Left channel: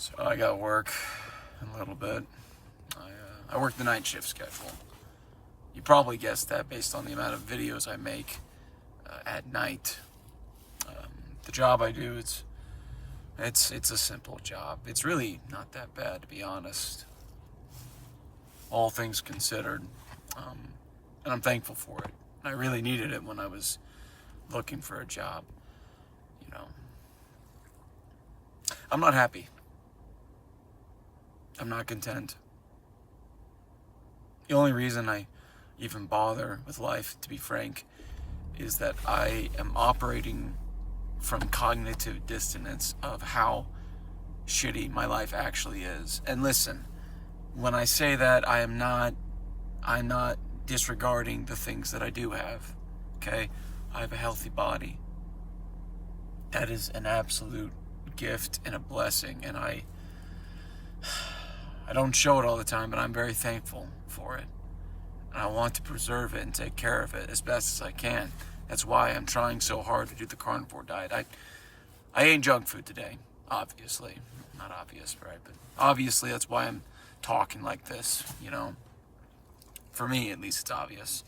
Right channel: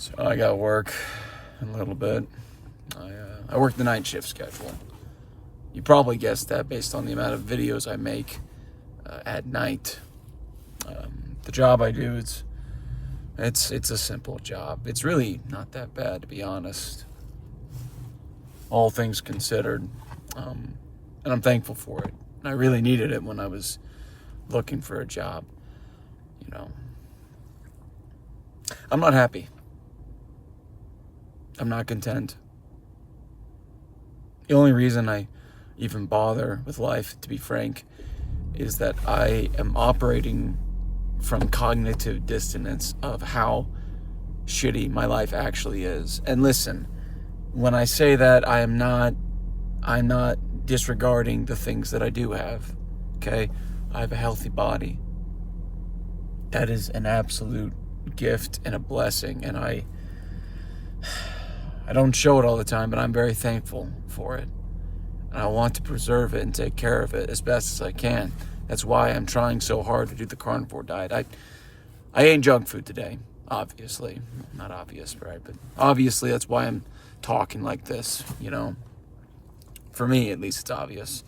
So I got work a little bit. I work the night shift schedule. You probably guessed that based on the amount of videos I make at night. The job I do, it's a simple job. It's really not that bad, to be honest, all things considered. And I'm thankful for it. I really needed it when I was looking for a job. You know, I'm not happy. I'm not content. The only reason I even bother with life, to be frank, is that I am operating from cognitive dissonance of how shitty my life actually is. And listen, when I say that, I'm not disregarding the things that I do have. Okay? I have a healthy body. That is an absolute gift and a blessing, and I don't show it all the time, but I'm very thankful for it. And I want to preserve it and take care of it as best as I can. That's why I'm trying so hard to do the carnivore diet. I ate junk food today, obviously. Not obvious, right? But obviously that's why I'm talking like this, you know. For me, at least, it's obvious.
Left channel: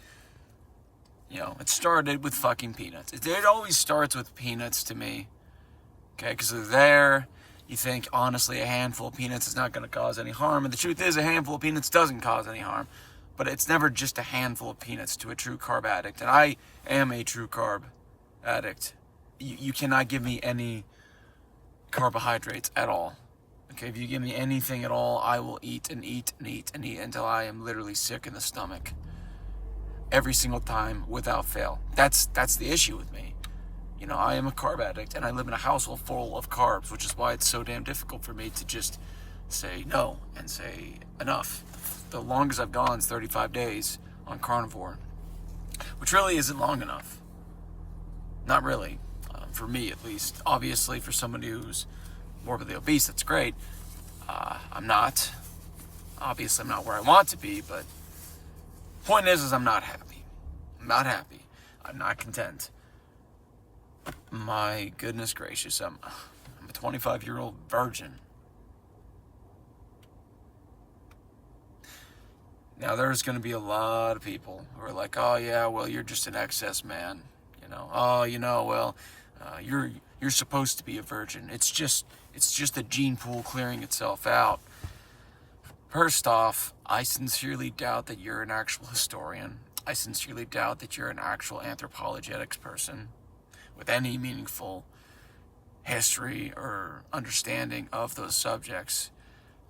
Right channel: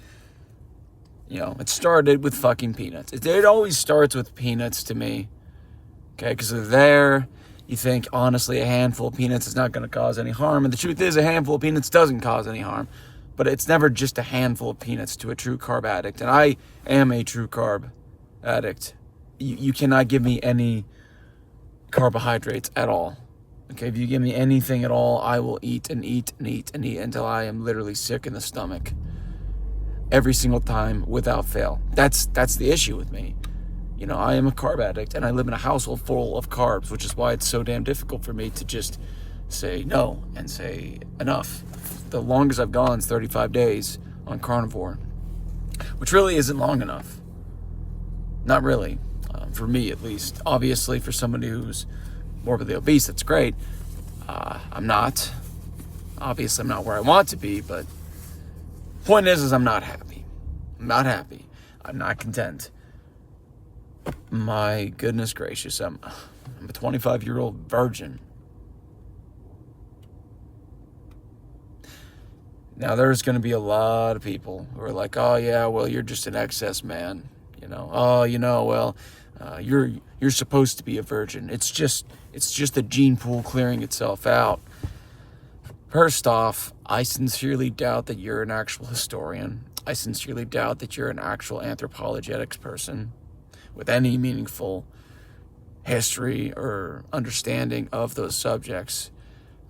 You know, it started with fucking peanuts. It always starts with peanuts to me. Okay, because they're there. You think, honestly, a handful of peanuts is not going to cause any harm. And the truth is, a handful of peanuts doesn't cause any harm. But it's never just a handful of peanuts to a true carb addict. And I am a true carb addict. You cannot give me any carbohydrates at all. Okay, if you give me anything at all, I will eat and eat and eat and eat until I am literally sick in the stomach. Every single time, without fail. That's the issue with me. You know, I am a carb addict, and I live in a household full of carbs, which is why it's so damn difficult for me to just say no and say enough. The longest I've gone is 35 days on carnivore, which really isn't long enough. Not really, for me at least. Obviously, for somebody who's morbidly obese, that's great. I'm not. Obviously, I'm not where I want to be, but point is I'm not happy. I'm not happy. I'm not content. My goodness gracious, I'm a 25-year-old virgin. Now, there's going to be a lot of people who are like, oh, yeah, well, you're just an excess man. You know, oh, you know, well, you're supposed to be a virgin. It's just the gene pool clearing itself out. First off, I sincerely doubt that you're an actual historian. I sincerely doubt that you're an actual anthropologetics person with any meaningful history or understanding of those subjects.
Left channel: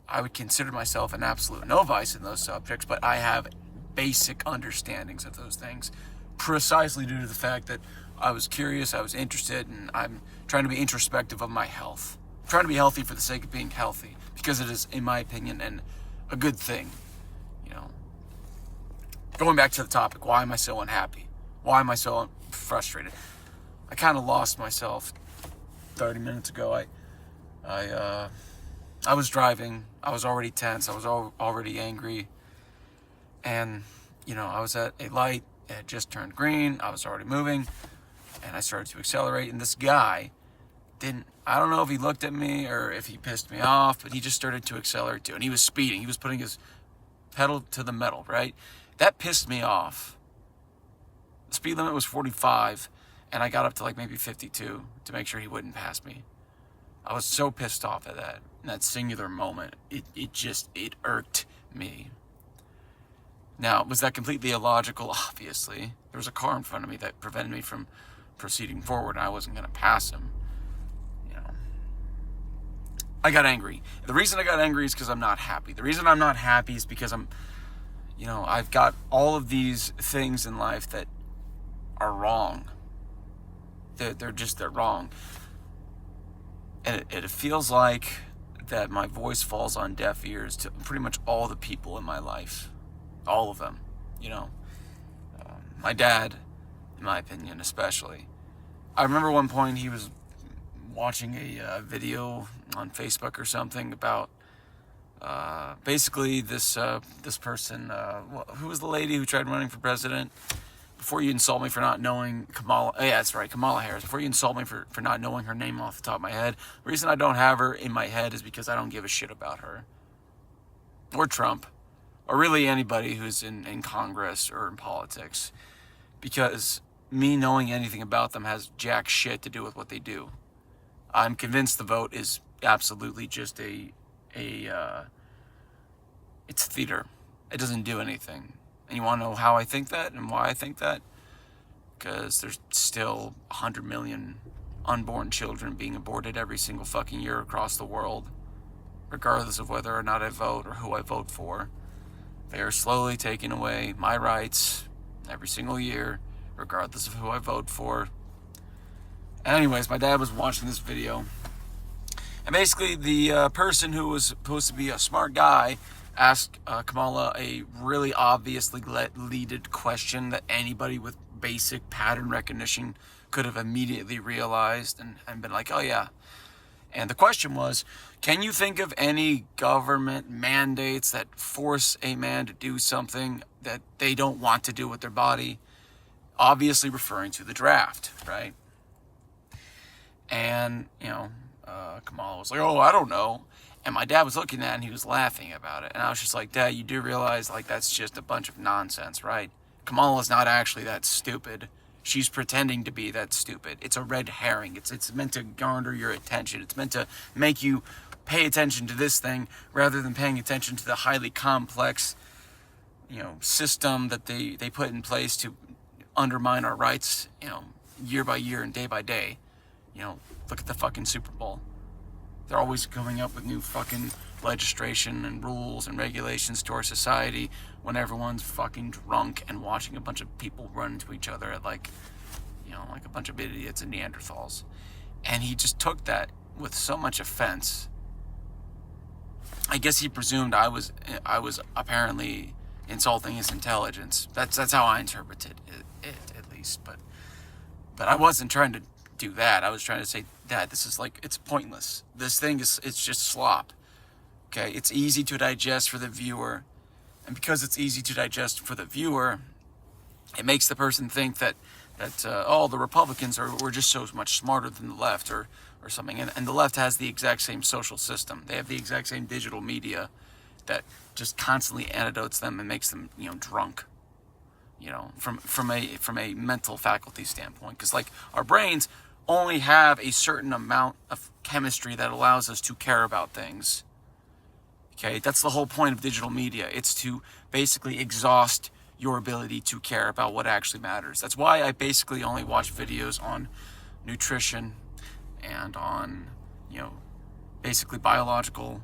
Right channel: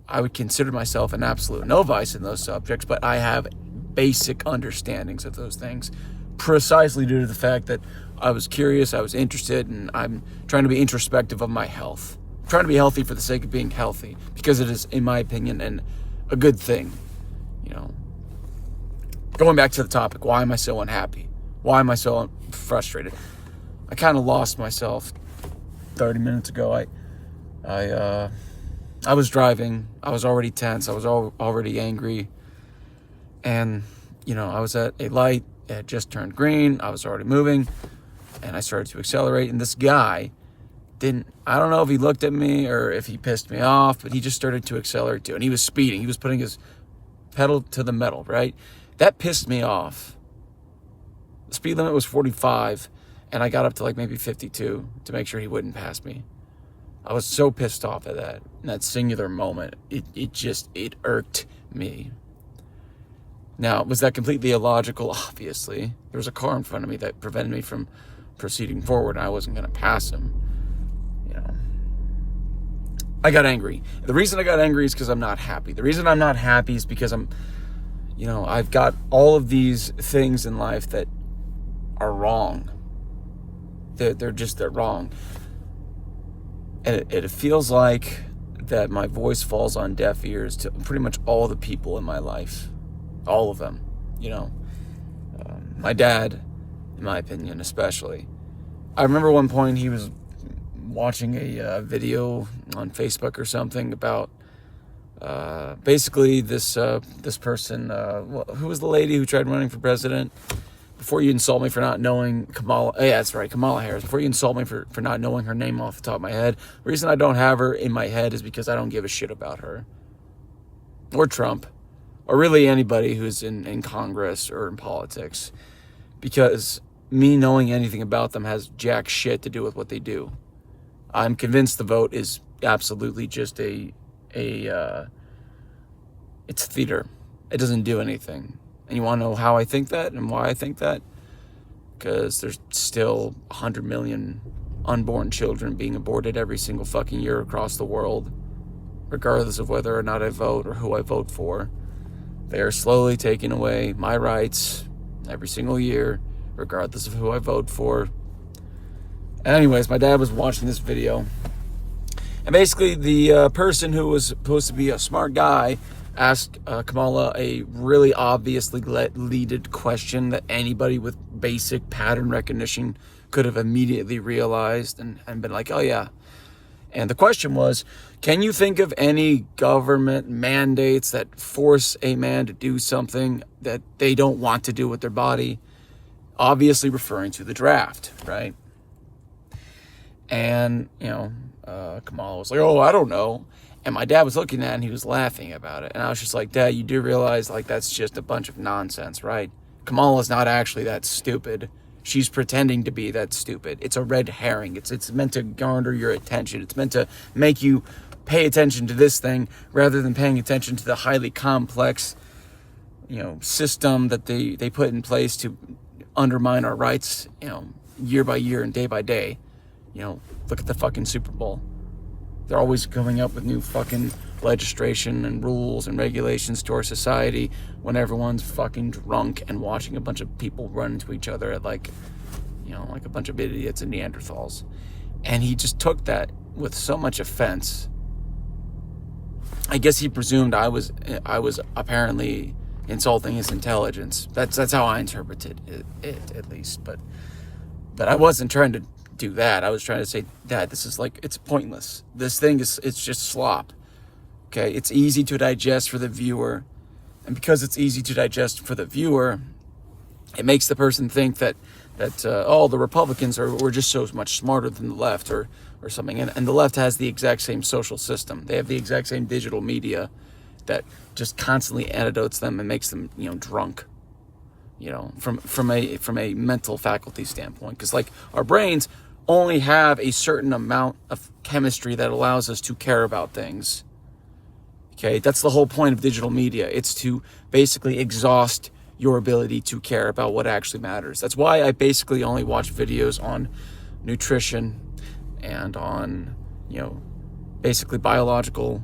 I would consider myself an absolute novice in those subjects, but I have basic understandings of those things precisely due to the fact that I was curious, I was interested, and I'm trying to be introspective of my health. I'm trying to be healthy for the sake of being healthy, because it is, in my opinion, a good thing. You know, going back to the topic, why am I so unhappy? Why am I so frustrated? I kind of lost myself 30 minutes ago. I was driving. I was already tense. I was already angry. And, you know, I was at a light. It had just turned green. I was already moving. And I started to accelerate. And this guy I don't know if he looked at me or if he pissed me off, but he just started to accelerate too. And he was speeding. He was putting his pedal to the metal, right? That pissed me off. The speed limit was 45. And I got up to like maybe 52 to make sure he wouldn't pass me. I was so pissed off at that, in that singular moment. It irked me. Now, was that completely illogical? Obviously. There was a car in front of me that prevented me from proceeding forward, and I wasn't going to pass him. You know, I got angry. The reason I got angry is because I'm not happy. The reason I'm not happy is because I've got all of these things in life that are wrong. They're wrong. And it feels like that my voice falls on deaf ears to pretty much all the people in my life. All of them, you know. My dad, in my opinion, especially. I remember one point he was watching a video on Facebook or something about basically this person, who was the lady who tried running for president? before you insult me for not knowing Kamala, yeah, that's right, Kamala Harris, before you insult me for not knowing her name off the top of my head, the reason I don't have her in my head is because I don't give a shit about her. Or Trump. Or really anybody who's in Congress or in politics. Because me knowing anything about them has jack shit to do with what they do. I'm convinced the vote is absolutely just it's theater. It doesn't do anything. And you want to know how I think that and why I think that? Because there's still 100 million unborn children being aborted every single fucking year across the world, regardless of whether or not I vote or who I vote for. They are slowly taking away my rights every single year, regardless of who I vote for. Anyways, my dad was watching this video, and basically the person who was supposed to be a smart guy asked Kamala a really obviously leaded question that anybody with basic pattern recognition could have immediately realized and been like, oh yeah. And the question was, can you think of any government mandates that force a man to do something that they don't want to do with their body? Obviously referring to the draft, right? And, Kamala was like, oh, I don't know. And my dad was looking at it and he was laughing about it. And I was just like, Dad, you do realize like that's just a bunch of nonsense, right? Kamala's not actually that stupid. She's pretending to be that stupid. It's a red herring. It's meant to garner your attention. It's meant to make you pay attention to this thing rather than paying attention to the highly complex, system that they put in place to undermine our rights, year by year and day by day. Look at the fucking Super Bowl. They're always coming up with new fucking legislation and rules and regulations to our society when everyone's fucking drunk and watching a bunch of people run into each other at like a bunch of idiots and Neanderthals. And he just took that with so much offense. I guess he presumed I was apparently insulting his intelligence. That's how I interpreted it at least. But I wasn't trying to do that. I was trying to say, Dad, this is it's pointless. This thing it's just slop. Okay, it's easy to digest for the viewer, and because it's easy to digest for the viewer, it makes the person think that the Republicans were just so much smarter than the left or something. And the left has the exact same social system. They have the exact same digital media that just constantly antidotes them and makes them drunk. From a mental faculty standpoint, because our brains only have a certain amount of chemistry that allows us to care about things. Okay, that's the whole point of digital media. It's to basically exhaust your ability to care about what actually matters. That's why I basically only watch videos on nutrition and on basically biological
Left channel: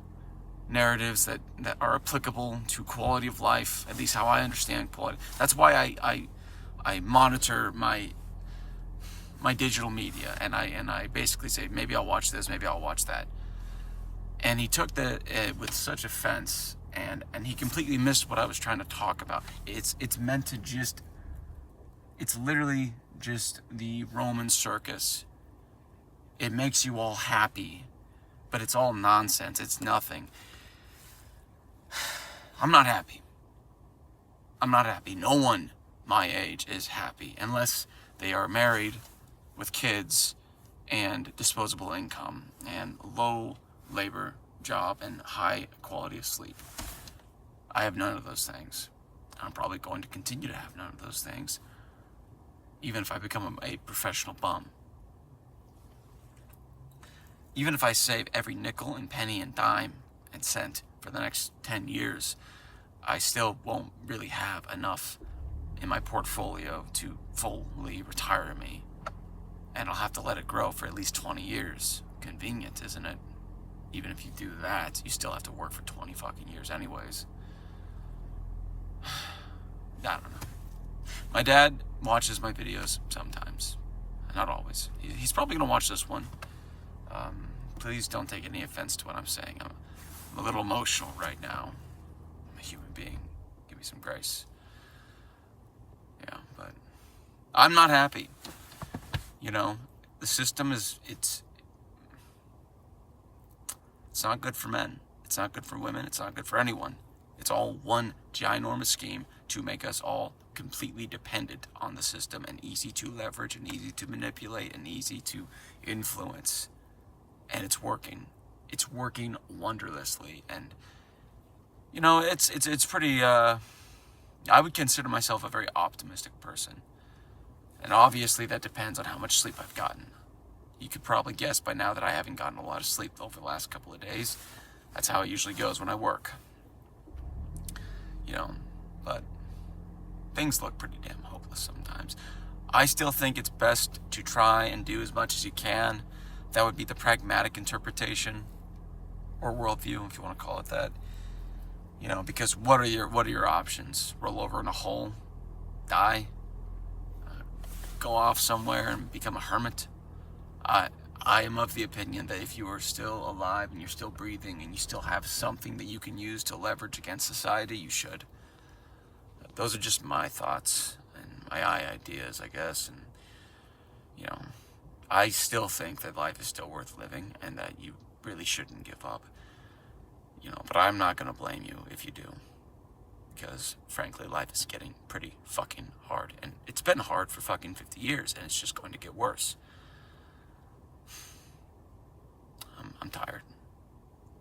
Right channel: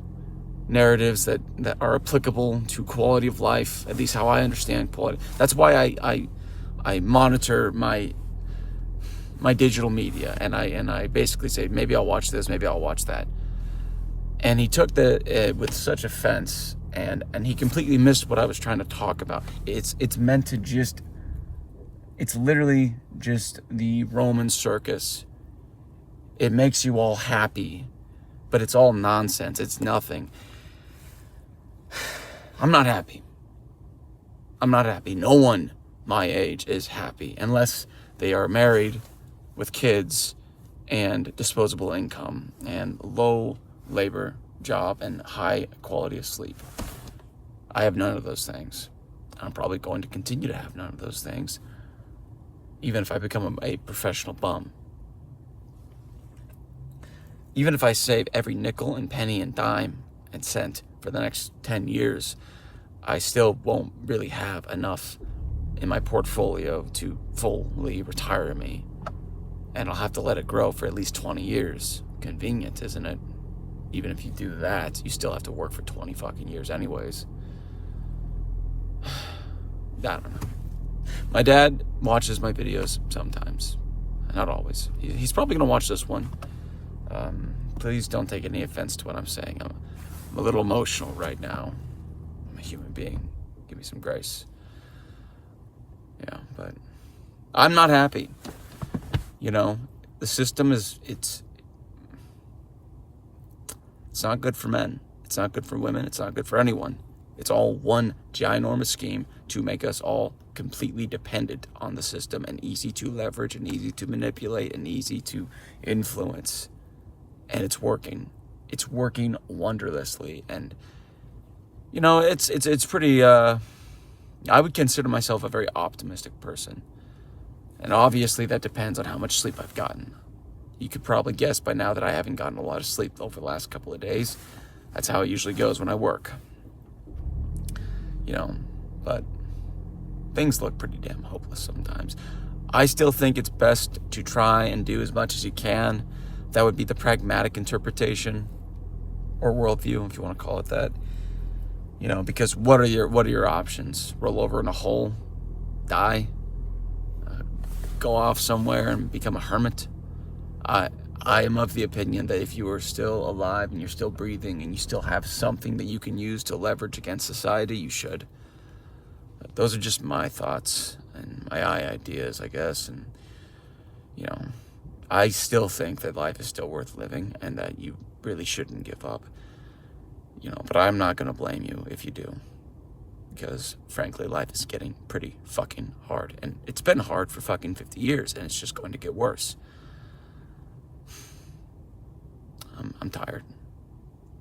narratives that are applicable to quality of life, at least how I understand quality. That's why I monitor my digital media, and I basically say, maybe I'll watch this, maybe I'll watch that. And he took that with such offense, and he completely missed what I was trying to talk about. It's meant to it's literally just the Roman circus. It makes you all happy, but it's all nonsense. It's nothing. I'm not happy. No one my age is happy unless they are married with kids and disposable income and low labor job and high quality of sleep. I have none of those things. I'm probably going to continue to have none of those things, even if I become a professional bum. Even if I save every nickel and penny and dime and cent for the next 10 years, I still won't really have enough in my portfolio to fully retire me. And I'll have to let it grow for at least 20 years. Convenient, isn't it? Even if you do that, you still have to work for 20 fucking years anyways. I don't know. My dad watches my videos sometimes. Not always. He's probably going to watch this one. Please don't take any offense to what I'm saying. I'm a little emotional right now. I'm a human being. Give me some grace. Yeah, but I'm not happy. The system it's not good for men. It's not good for women. It's not good for anyone. It's all one ginormous scheme to make us all completely dependent on the system and easy to leverage and easy to manipulate and easy to influence. And it's working. It's working wondrously. And, you know, it's pretty, I would consider myself a very optimistic person. And obviously that depends on how much sleep I've gotten. You could probably guess by now that I haven't gotten a lot of sleep over the last couple of days. That's how it usually goes when I work. You know, but things look pretty damn hopeless sometimes. I still think it's best to try and do as much as you can. That would be the pragmatic interpretation, or worldview, if you want to call it that. You know, because what are your options? Roll over in a hole, die, go off somewhere and become a hermit. I am of the opinion that if you are still alive and you're still breathing and you still have something that you can use to leverage against society, you should. Those are just my thoughts and my ideas, I guess. And, you know, I still think that life is still worth living and that you really shouldn't give up. You know, but I'm not going to blame you if you do. Because, frankly, life is getting pretty fucking hard. And it's been hard for fucking 50 years, and it's just going to get worse. I'm tired.